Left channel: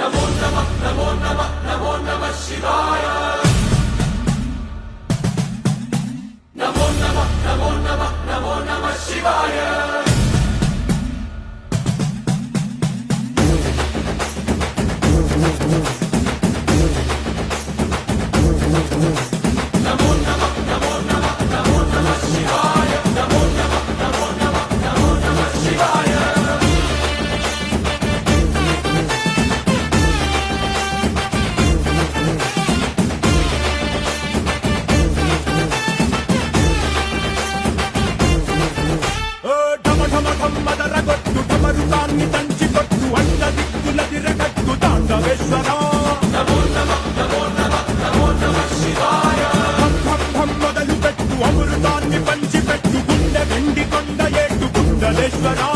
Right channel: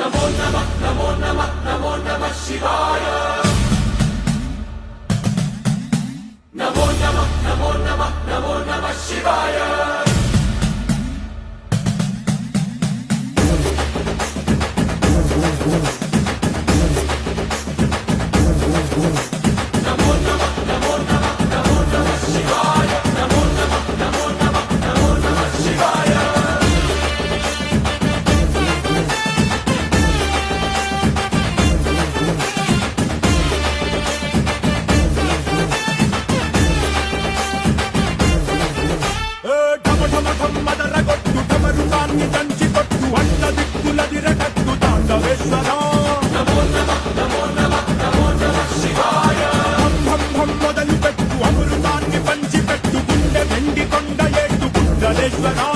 నమో నమః నమో నమః నమో నమః శివాయ నమో నమః నమో నమః నమో నమః శివాయ నమో నమః నమో నమః నమో నమః శివాయ నమో నమః నమో నమః నమో నమః శివాయ మదరగొట్టు తమరుగాన్ని దంచి కొట్టు అండ దిక్కులదిరగట్టు తాండవేశ్వరా నమో నమః నమో నమః నమో నమః శివాయ మొదలు పెట్టు అమృతాన్ని పంచి పెట్టు గుండె వెండి కొండ ఏటు గుండలేశ్వరా